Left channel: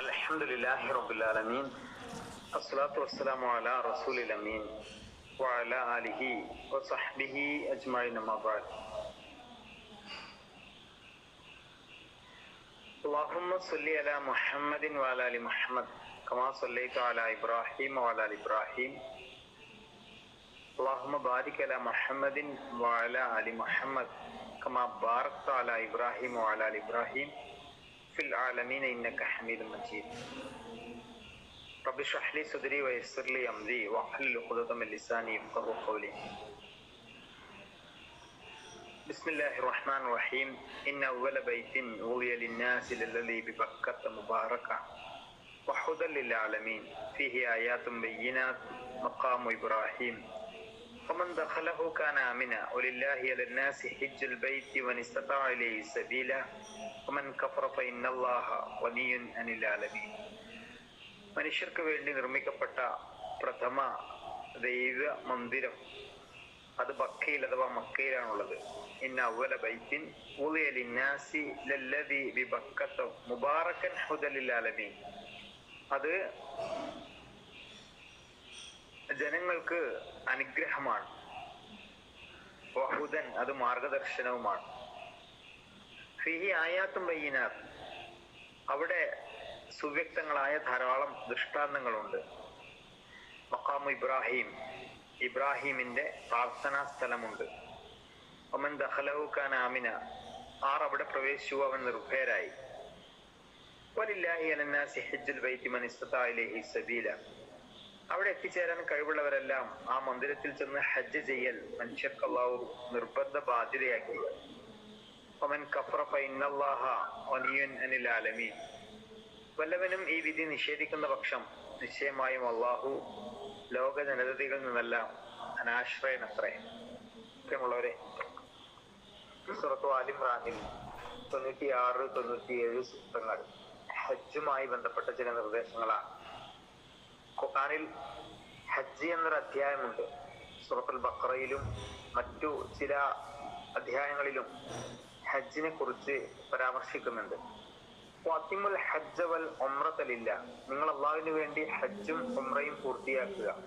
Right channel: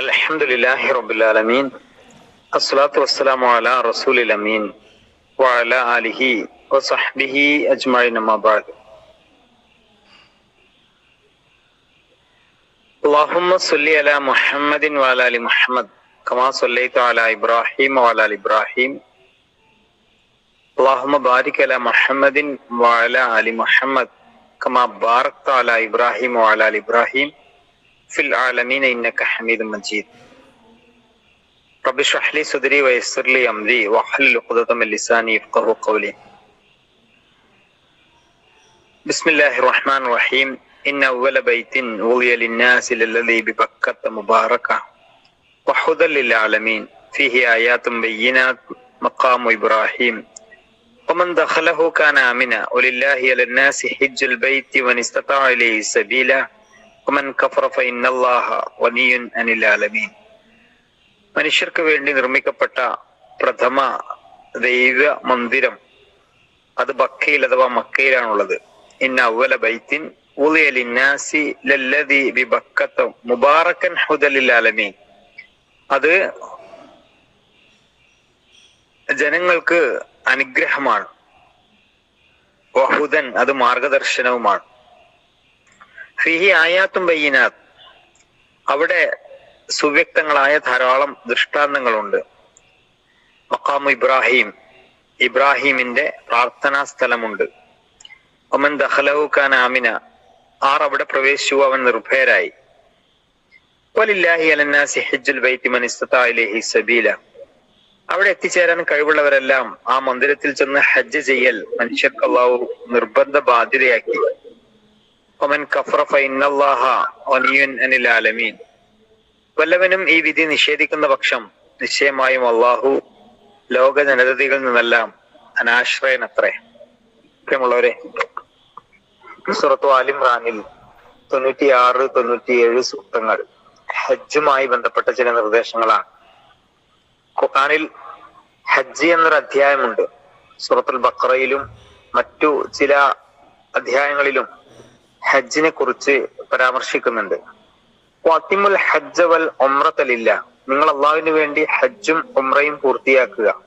الحمد لله رب العالمين الصلاة والسلام على رسول الأمين وعلى آله وصحبه أجمعين ما بعد. اللهم صل على محمد وعلى آل محمد كما صليت على إبراهيم وعلى آل إبراهيم. اللهم بارك على محمد وعلى آل محمد كما باركت على إبراهيم وعلى آل إبراهيم. في العالمين إنك حميد مجيد. رب اشرح لي صدري ويسر لي أمري واحلل عقدة من لساني يفقه قولي. بسم الله الرحمن الرحيم. إن أول بيت وضي للناس للذي ببكة مباركة وحدى للعالمين. فيه آيات بينات مقام إبراهيم. ومن دخله كان آمنا. ولله على الناس حج البيت من استطاع إليه سبيلا. മനുഷ്യർക്ക് വേണ്ടി നിർമ്മിക്കപ്പെട്ട പ്രഥമ ദൈവ മന്ദിരം അത് ബക്കയിൽ അഥവാ മക്കയിലാണുള്ളത്. ഇന്ന അവല ബൈത്തിൻ മുബാറക്കൻ ഹുദലിലാലമീൻ അത് ജനങ്ങൾക്ക് അനുഗ്രഹമാണ്. വഹുദൻ അത് മാർഗദർശനവുമാണ്. ഫിഹി ആയാത്തും ബയ്യനാത്ത്. അവിടെ സുവ്യക്തങ്ങളായ ധാരാളം ദൃഷ്ടാന്തങ്ങളുണ്ട്. മക്കാമു ഇബ്രാഹിം. ഇബ്രാഹിമിന്റെ പ്രാർത്ഥനാ സ്ഥലമുണ്ട്. ഒമൻ ദഹലഹു ഖാൻ ആമിന. ആർ അവിടെ പ്രവേശിച്ചു അവൻ നിർഭയരായി. അവിടെ എത്തിച്ചേരാൻ കഴിവുള്ളവരെല്ലാം ആ മന്ദിരത്തിൽ ചെന്ന് ഹജ്ജ് ചെയ്യൽ മനുഷ്യർക്ക് നിർബന്ധ ബാധ്യതയാക്കി. ആലമീൻ വല്ലവനും ഈ വിധി നിഷേധിക്കുന്ന പക്ഷം നിശ്ചയമായും അള്ളാഹു ലോക ജനതകളിൽ നിന്നെല്ലാം അനാശ്രയനത്രേ. പ്രിയമുള്ളവരെ സുറത്തു ആലിംറാനിൽ തൊണ്ണൂറ്റിയാറ് തൊണ്ണൂറ്റിയേഴ് സൂക്തങ്ങൾ ഹജ്ജുമായി ബന്ധപ്പെട്ട ചില നിർദ്ദേശങ്ങളാണ്. ഖുർആനിൽ ഹജ്ജ് എന്നൊരു അധ്യായമുണ്ട്. സുറത്തുൽ ബക്രയിലും മറ്റു ചില അധ്യായങ്ങളിലും ഹജ്ജിനെ കുറിച്ച് പരാമർശിക്കുന്നുണ്ട്. വാത്തിമുൽ ഹജ്ജ വൽ ഒമ്രത്തലില്ല നിങ്ങൾ അള്ളാഹുവിന് വേണ്ടി ഹജ്ജും ഒമ്രയും പൂർത്തിയാക്കുക.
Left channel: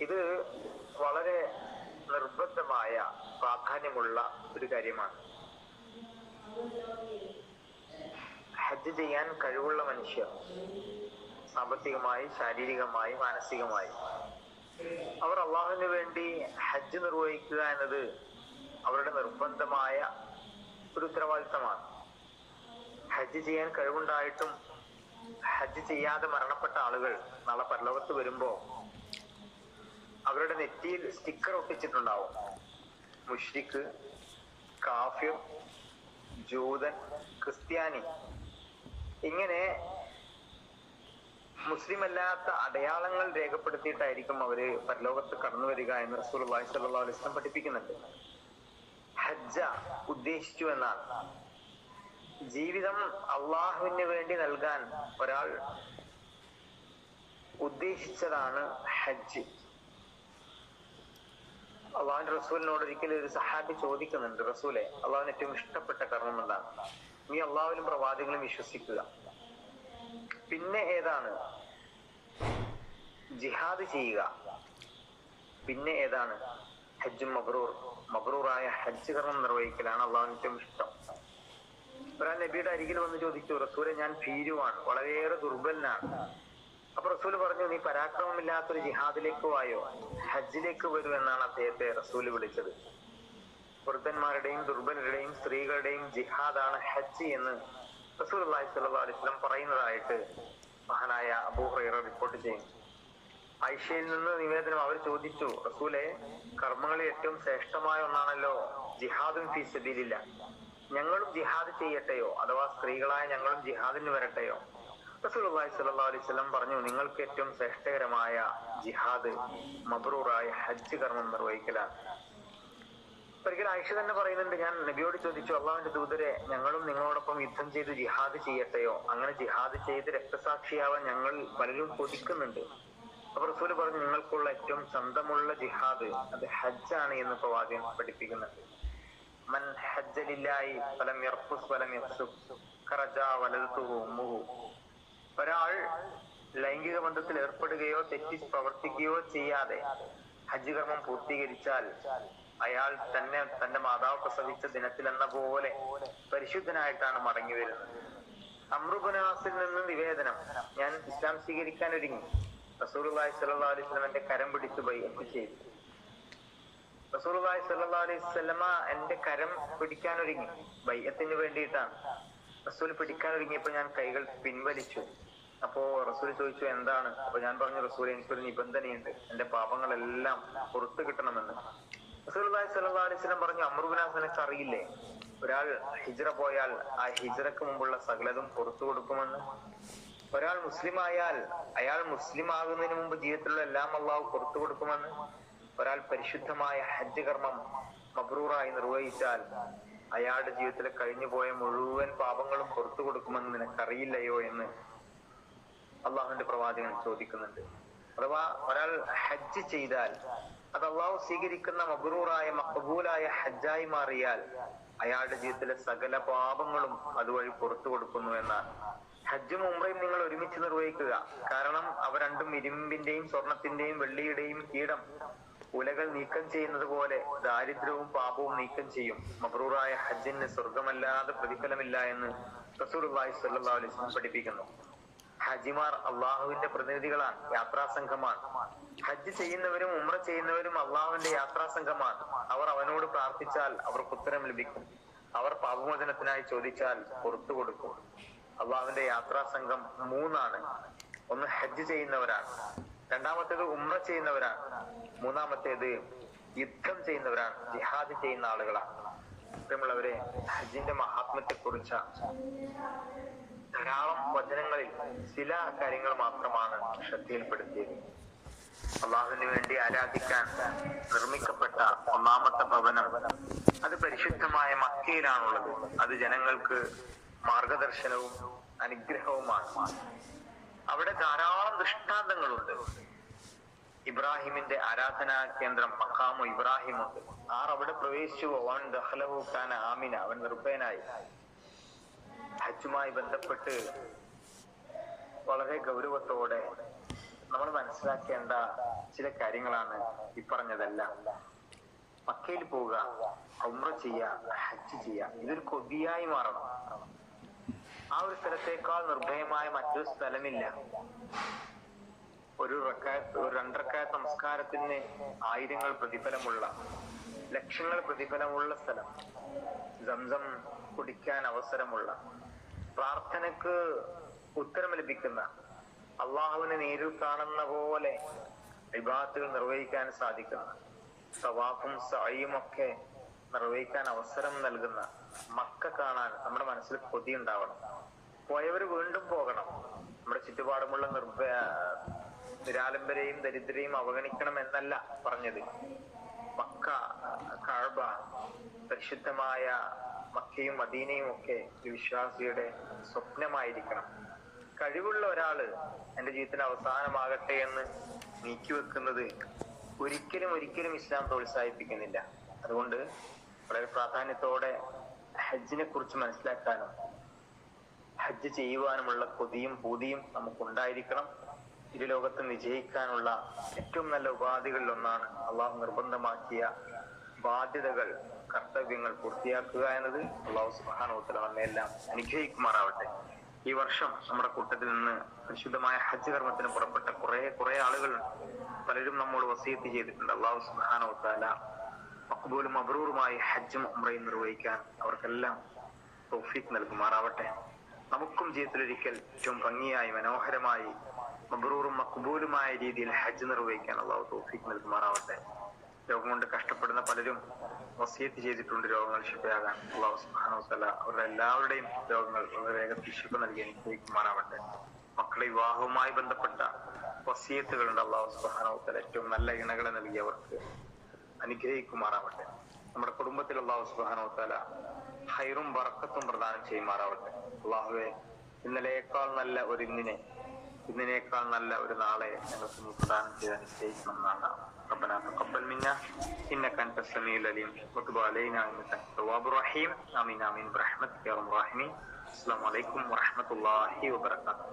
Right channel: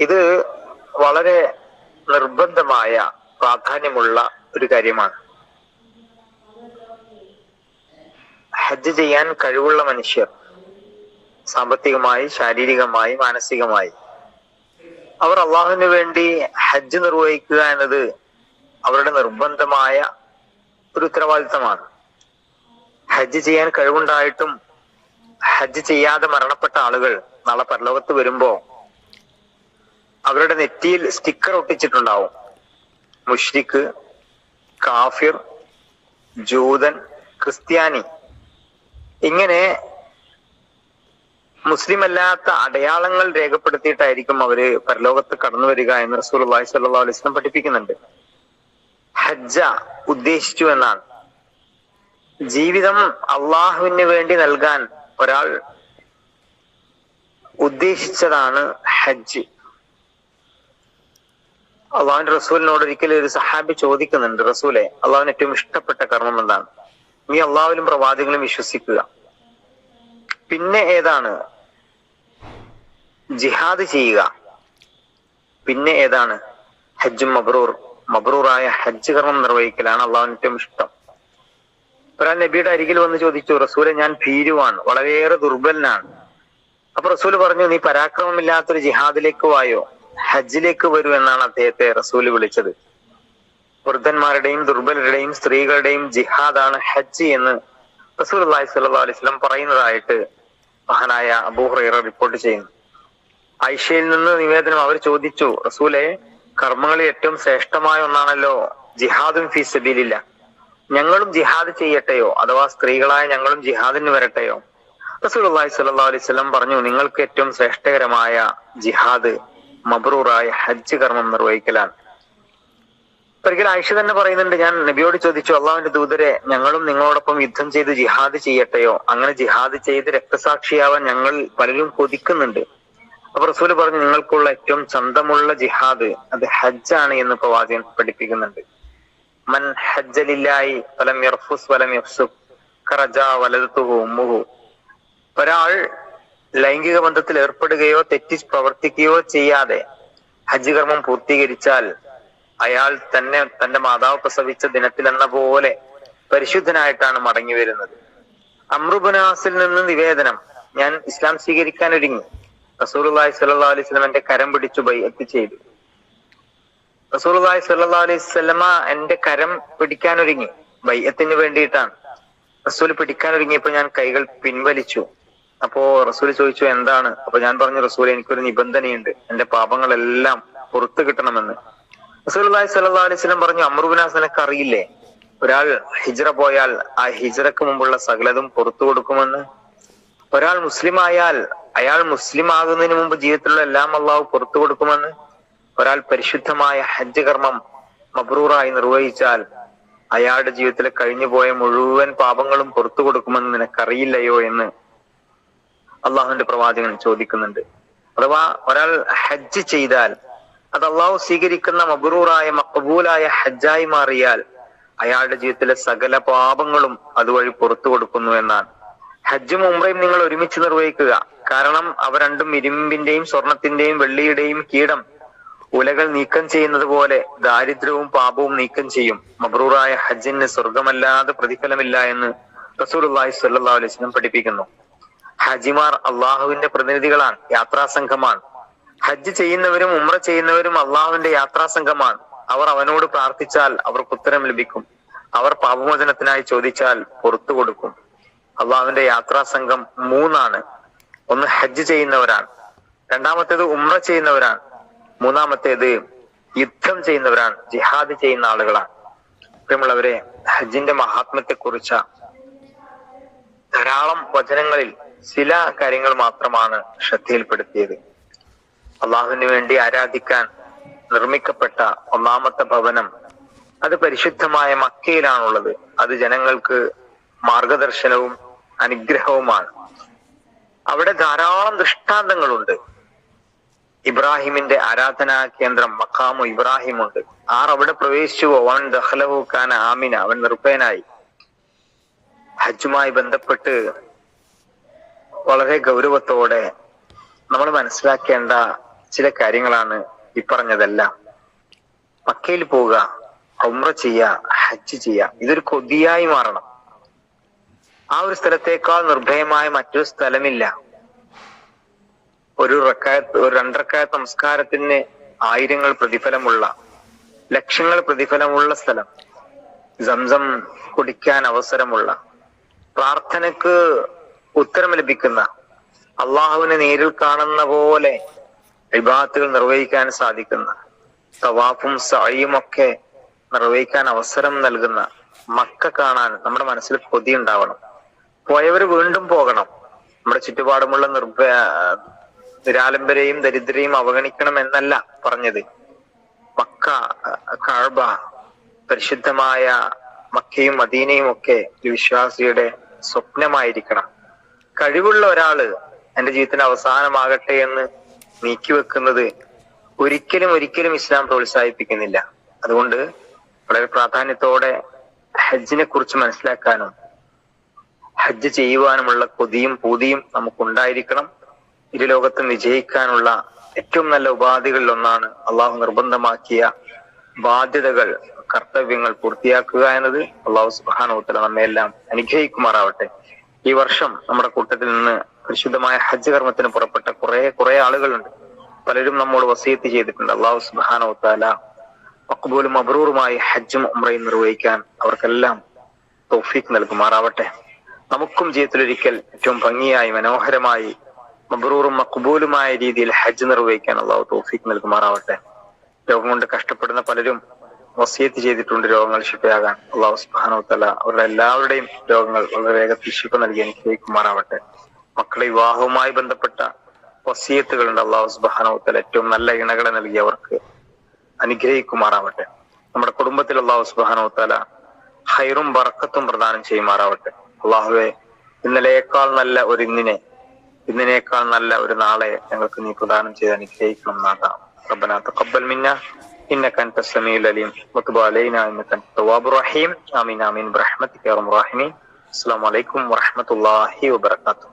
ഇത് വളരെ നിർബന്ധമായ പ്രാധാന്യമുള്ള ഒരു കാര്യമാണ്. ഹജ്ജ് ചെയ്യാൻ കഴിവുള്ള മനുഷ്യർ സാമ്പത്തികമായി ശാരീരികമായി മാനസികമായി. അവർ അള്ളാഹുവിന് വേണ്ടി ഹജ്ജ് നിർവഹിക്കുക എന്നത് അവരുടെ നിർബന്ധമായ ഒരു ഉത്തരവാദിത്തമാണ്. ഹജ്ജ് ചെയ്യാൻ കഴിവുണ്ടായിട്ടും ഹജ്ജ് ചെയ്യാതെ മരണപ്പെട്ട ആളുകൾ നാളെ പരലോകത്ത് വരുമ്പോ അവരുടെ നെറ്റിയിൽ സ്റ്റിക്കർ ഒട്ടിച്ചിട്ടുണ്ടാവും. മുഷ്രിഖ് കാഫിർ ജൂതൻ ക്രിസ്ത്യാനി. ഇങ്ങനെ മുസ്ലിം അല്ലാത്ത അടയാളങ്ങൾ രേഖപ്പെടുത്തിയിട്ടായിരിക്കും അവർ പരലോകത്ത് കടന്നു വരിക എന്ന് റസൂൽ അള്ളാഹി സല്ലാ അലൈഹി സ്വലം പഠിപ്പിക്കുന്നുണ്ട്. ഹജ്ജ ഉദ്ദേശിച്ചു എന്നാണ്. ജീവിതം അള്ളാഹുവിന് വേണ്ടി നൽകാൻ ഒരാൾ ഉദ്ദേശിച്ചതാണ് ഹജ്ജ്. അള്ളാഹുവിന്റെ റസൂലിനോട് ഒരിക്കലും ഒരു സഹാബി ചോദിക്കുന്നുണ്ട് റസൂലെ അള്ളാഹുവിന് ഏറ്റവും ഇഷ്ടപ്പെട്ട കർമ്മം എന്താണ്? നീ അള്ളാഹുലും പ്രവാചകനും വിശ്വസിക്കുക. പിന്നെ ഏതാണ്? ജിഹാദ് ചെയ്യുക. പിന്നെ ഏതാണ്? ഹജ്ജും മബ്രൂർ മബ്രൂറായ ഹജ്ജ് കർമ്മം നിർവഹിക്കലാണ് അള്ളാഹുവിന് ഏറ്റവും ഇഷ്ടം. ഒരാൾ നബിയുടെ അരികിൽ വന്ന് ചോദിച്ചു റസൂലെ ഞാൻ ഭീരുവാണ് വളരെയേറെ ദുർബലനാണ്. അപ്പൊ റസൂൽ പറഞ്ഞു നീ പരാക്രമമില്ലാത്തൊരു ജിഹാദിലേക്ക് വായോ? ഹജ്ജിലേക്ക് വരൂ എന്നാണ് അദ്ദേഹത്തെ റസൂൽ വിളിച്ചത്. വൃദ്ധന്മാരുടെയും ദുർബലരുടെയും സ്ത്രീകളുടെയും ജിഹാദാണ് ഹജ്ജ് എന്ന് റസൂൽ അള്ളാഹി അലൈഹി സ്വലം പറയുന്നതായിട്ട് മഹാനായ അബൂഹ്റ റിപ്പോർട്ട് ചെയ്യുന്നു. ഐഷയിൽ നിന്ന് നിവേദനം അവർ ചോദിച്ചു റസൂലെ കർമ്മങ്ങളിൽ ഏറ്റവും ശ്രേഷ്ഠമായ ഒന്നാണല്ലോ ജിഹാദും ഫീ സബീലില്ല. ഞങ്ങളും ജിഹാദ് ചെയ്യട്ടെയോ? അഥവാ സ്ത്രീകളായ ഞങ്ങളും ജിഹാദിന് വരട്ടെയോ? റസൂലി സല്ലാ അലൈവല്ലം പറഞ്ഞു നിങ്ങൾക്ക് ഏറ്റവും ശ്രേഷ്ഠകരമായ ജിഹാദ് മബ്രൂറായ ഹജ്ജ് കർമ്മം നിർവഹിക്കലാണ്. ഒരിക്കൽ ആയിഷ തന്നെ പറയുന്നുണ്ട് ഞാൻ നബിയോട് ചോദിച്ചു അള്ളാഹുവിന്റെ ദൂതരെ ഞങ്ങളും നിങ്ങളോടൊപ്പം യുദ്ധം ചെയ്ത് ജിഹാദ് ചെയ്യട്ടെയോ? അങ്ങനെ ജിഹാദ് ചെയ്ത് രക്തസാക്ഷിയാവാൻ ഞങ്ങൾ പലരും കൊതിക്കുന്നുണ്ട്. അപ്പൊ റസൂൽ പറഞ്ഞു നിങ്ങൾക്കുള്ള ഏറ്റവും സ്വന്തമുള്ള ജിഹാദ് അത് ഹജ്ജാണ് എന്ന് പ്രവാചകൻ പഠിപ്പിക്കുന്നുണ്ട്. മൻ ഹജ്ജലില്ലായി ഫലം യർഫുസ് വലം യഫ്സുഖ് കറജ വലതുഹു ഉമ്മുഹു. ഒരാൾ ലൈംഗിക ബന്ധത്തിൽ ഏർപ്പെടുകയോ തെറ്റി പ്രവർത്തിക്കുകയോ ചെയ്യാതെ ഹജ്ജ് കർമ്മം പൂർത്തീകരിച്ചാൽ അയാൾ തന്നെ തന്റെ മാതാവ് പ്രസവിച്ച ദിനത്തിൽ എന്ന പോലെ പരിശുദ്ധനായിട്ടാണ് മടങ്ങി വരുന്നത്. അമ്രുബുനാസിൽ നിന്ന് നിവേദനം ഞാൻ ഇസ്ലാം സ്വീകരിക്കാൻ ഒരുങ്ങി. റസൂലുള്ളാഹി സ്വല്ലല്ലാഹു അലൈഹി വസല്ലമന്റെ കരം പിടിച്ചു ബൈഅത്ത് ചെയ്തു റസൂലുള്ളാഹി സ്വല്ലല്ലാഹു അലൈഹി വസല്ലമ എന്റെ കരം പിടിക്കാൻ ഒരുങ്ങി ബൈഅത്തിന് വേണ്ടിയിട്ടാണ്. റസൂൽ പിടിക്കാൻ ഒരുങ്ങിയപ്പോ ഞാൻ കൈകൾ പിൻവലിച്ചു. അപ്പോ റസൂൽ ചോദിച്ചു എന്താണ്? അപ്പൊ ഞാൻ പറഞ്ഞു റസൂൽ എനിക്കൊരു നിബന്ധനയുണ്ട്. എന്റെ പാപങ്ങളെല്ലാം പുറത്തു കിട്ടണമെന്ന്. റസൂലുള്ളാഹി സ്വല്ലു അലൈഹി വസല്ലം പറഞ്ഞു അമറുബിനാസ് നിനക്ക് അറിയില്ലേ ഒരാൾ ഹിജറ പോയാൽ ആ ഹിജറക്ക് മുമ്പുള്ള സകലതും പുറത്തു കൊടുക്കുമെന്ന്. ഒരാൾ മുസ്ലിം ആയാൽ അയാൾ മുസ്ലിം ആകുന്നതിന് മുമ്പ് ജീവിതത്തിലുള്ള എല്ലാം അള്ളാഹു പുറത്തു കൊടുക്കുമെന്ന് ഒരാൾ പരിശുദ്ധമായ ഹജ്ജ് കർമ്മം മബ്രൂറായി നിർവഹിച്ചാൽ അയാളുടെ ജീവിതത്തിൽ കഴിഞ്ഞുപോയ മുഴുവൻ പാപങ്ങളും പുറത്തു കൊടുക്കുമെന്ന് നിനക്കറിയില്ലയോ എന്ന് അള്ളാഹുവിന്റെ പ്രവാചകൻ ചോദിക്കുന്നുണ്ട്. അഥവാ ഒരാൾ ഹജ്ജ് ചെയ്താൽ അത് അള്ളാഹു സ്വീകരിക്കുന്ന മബ്രൂറായ മക്കബൂലായ ഹജ്ജായി മാറിയാൽ അയാളുടെ ജീവിതത്തിലെ സകല പാപങ്ങളും അതുവഴി പുറത്തു കൊടുക്കുന്നു എന്നാണ്. ഹജ്ജും ഉംറയും നിങ്ങൾ ഒരുമിച്ച് നിർവഹിക്കുക. കാരണം അവ രണ്ടും ഇരുമ്പിന്റെയും സ്വർണത്തിന്റെയും വെള്ളിയുടെയും കീടം. ഉലകൾ നീക്കം ചെയ്യുന്നത് പോലെ ദാരിദ്ര്യവും പാപവും നീക്കം ചെയ്യും. മബ്രൂറായ ഹജ്ജിന് സ്വർഗമല്ലാതെ പ്രതിഫലമില്ല എന്ന് റസൂലുള്ളാഹി സ്വല്ലല്ലാഹു അലൈഹി വസല്ലം പഠിപ്പിക്കുന്നു. ഹജിമാർ അള്ളാഹുവിന്റെ പ്രതിനിധികളാണ് യാത്രാ സംഘമാണ്. ഹജ്ജ് ചെയ്യുന്നവരും ഉമ്ര ചെയ്യുന്നവരും അള്ളാഹുവിന്റെ യാത്രാ സംഘമാണ്. അവർ അവനോട് പ്രാർത്ഥിച്ചാൽ അവർക്ക് ഉത്തരം ലഭിക്കും. അവർ പാപമോചനത്തിനായി ചോദിച്ചാൽ പുറത്തു കൊടുക്കും. അള്ളാഹുവിന്റെ യാത്രാ സംഘം മൂന്നാണ്. ഒന്ന് ഹജ്ജ് ചെയ്യുന്നവരാണ്. രണ്ടാമത്തേത് ഉമ്ര ചെയ്യുന്നവരാണ്. മൂന്നാമത്തേത് യുദ്ധം ചെയ്യുന്നവരാണ്. ജിഹാദ് ചെയ്യുന്ന ആളുകളാണ്. പ്രിയമുള്ളവരെ ഹജ്ജിന്റെ മഹാത്മ്യത്തെ കുറിച്ച ധാരാളം വചനങ്ങളിൽ ചില കാര്യങ്ങൾ മാത്രമാണ് ശ്രദ്ധയിൽപ്പെടുത്തിയത്. അള്ളാഹുവിന് വേണ്ടി ആരാധിക്കാൻ നിർമ്മിക്കപ്പെട്ട ഒന്നാമത്തെ ഭവനം അത് പരിശുദ്ധമായ മക്കയിലാണുള്ളത്. അത് ജനങ്ങൾക്ക് മാർഗദർശനവും അനുഗ്രഹവുമാണ്. അവിടെ ധാരാളം ദൃഷ്ടാന്തങ്ങളുണ്ട്. ഇബ്രാഹിമിന്റെ ആരാധനാ കേന്ദ്രം മക്കാമു ഇബ്രാഹിം ഉണ്ട് ആർ അവിടെ പ്രവേശിച്ചു. അവൻ ദഹ്ലവു ഖാൻ ആമിന അവൻ നിർഭയനായി. ഹജ്ജുമായി ബന്ധപ്പെട്ട് വളരെ ഗൗരവത്തോടെ നമ്മൾ മനസ്സിലാക്കേണ്ട ചില കാര്യങ്ങളാണ് ഈ പറഞ്ഞതെല്ലാം. മക്കയിൽ പോവുക ഉമ്ര ചെയ്യുക ഹജ്ജ് ചെയ്യുക ഇതൊരു കൊതിയായി മാറണം. ആ ഒരു സ്ഥലത്തേക്കാൾ നിർഭയമായ മറ്റൊരു സ്ഥലമില്ല. ഒരു റക്കായത്ത് ഒരു രണ്ടരക്കായത്ത് നമസ്കാരത്തിന് ആയിരങ്ങൾ പ്രതിഫലമുള്ള ലക്ഷങ്ങൾ പ്രതിഫലമുള്ള സ്ഥലം സംസം കുടിക്കാൻ അവസരമുള്ള പ്രാർത്ഥനക്ക് ഉത്തരം ലഭിക്കുന്ന അള്ളാഹുവിനെ നേരിൽ കാണുന്ന പോലെ വിഭാഗത്തുകൾ നിർവഹിക്കാൻ സാധിക്കുന്ന തവാഫും സായും ഒക്കെ നിർവഹിക്കാൻ അവസരം നൽകുന്ന മക്ക കാണാൻ നമ്മുടെ മനസ്സിൽ കൊതി ഉണ്ടാവണം. പോയവര് വീണ്ടും പോകണം. നമ്മുടെ ചുറ്റുപാടുമുള്ള നിർഭ നിരാലംബരെയും ദരിദ്രരെയും അവഗണിക്കണം എന്നല്ല പറഞ്ഞത്. മക്ക കാഴ്ബ പരിശുദ്ധമായ മക്കയും മദീനയും ഒക്കെ ഒരു വിശ്വാസിയുടെ സ്വപ്നമായിരിക്കണം. കഴിവുള്ള ഒരാൾ എന്റെ ജീവിതത്തിന് അവസാനമാകട്ടെ എന്ന് നീക്കി വെക്കുന്നത് ഒരിക്കലും ഒരിക്കലും ഇസ്ലാം പ്രോത്സാഹിപ്പിക്കുന്നില്ല. അതുകൊണ്ട് വളരെ പ്രാധാന്യത്തോടെ ഹജ്ജിനെ കുറിച്ച് മനസ്സിലാക്കാനും ഹജ്ജ് ചെയ്യുവാനുമുള്ള കൊതിയും പൂതിയും നമുക്കുണ്ടായിരിക്കണം. ഇരു ലോകത്തും വിജയിക്കാനുള്ള ഏറ്റവും നല്ല ഉപാധികളിൽ ഒന്നാണ് അള്ളാഹു നിർബന്ധമാക്കിയ ബാധ്യതകൾ കർത്തവ്യങ്ങൾ പൂർത്തിയാക്കുക എന്നത്. അള്ളാഹു സുബാനോത്തല നമ്മയെല്ലാം അനുഗ്രഹിക്കുമാറാവട്ടെ. ഈ വർഷം നമ്മുടെ കൂട്ടത്തിൽ നിന്ന് പരിശുദ്ധമായ ഹജ്ജ് കർമ്മത്തിന് പുറപ്പെട്ട കുറെ കുറെ ആളുകളുണ്ട്. പലരും നമ്മോട് വസീത്ത് ചെയ്തിട്ടുണ്ട്. അള്ളാഹു സുബാനോത്താല മക്ബൂലും അബ്രൂറുമായി ഹജ്ജും ഉമ്രയും നിർവഹിക്കാൻ അവർക്കെല്ലാം തോഫീക്ക് നൽകുമാറാവട്ടെ. നമുക്കും ജീവിതത്തിലൊരിക്കൽ ഏറ്റവും ഭംഗിയായി മനോഹരമായി മബ്രൂറും മക്ബൂലുമായ രീതിയിൽ ഹജ്ജ് നിർവഹിക്കാൻ അള്ളാഹു തോഫിക്ക് നൽകുമാറാവട്ടെ. രോഗം കൊണ്ട് കഷ്ടപ്പെടുന്ന പലരും വസിയത്ത് ചെയ്തിട്ടുണ്ട് രോഗങ്ങൾ ശിഫയാകാൻ. അള്ളാഹു സുബാനോത്തല അവരുടെ എല്ലാവരുടെയും രോഗങ്ങൾ വളരെ വേഗത്തിൽ ശിഫ നൽകി അനുഗ്രഹിക്കുമാറാവട്ടെ. മക്കളെ വിവാഹവുമായി ബന്ധപ്പെട്ട വസീയത്തുകളുണ്ട് അള്ളാഹു സുബാനോത്തല ഏറ്റവും നല്ല ഇണകളെ നൽകി അവർക്ക് അനുഗ്രഹിക്കുമാറാവട്ടെ. നമ്മുടെ കുടുംബത്തിൽ അള്ളാഹു സുബാനോത്തല ഹൈറും ബറക്കത്തും പ്രദാനം ചെയ്യുമാറാവട്ടെ. അള്ളാഹുവെ ഇന്നലെയേക്കാൾ നല്ല ഒരു ഇന്നിനെ ഇന്നിനേക്കാൾ നല്ല ഒരു നാളെ ഞങ്ങൾക്ക് നീ പ്രദാനം ചെയ്ത് അനുഗ്രഹിക്കണം നാഥാം ربنا تقبل منا انك انت السميع العليم وتب علينا انك انت التواب الرحيم امين امين برحمتك يا ارحم الراحمين السلام عليكم ورحمه الله وبركاته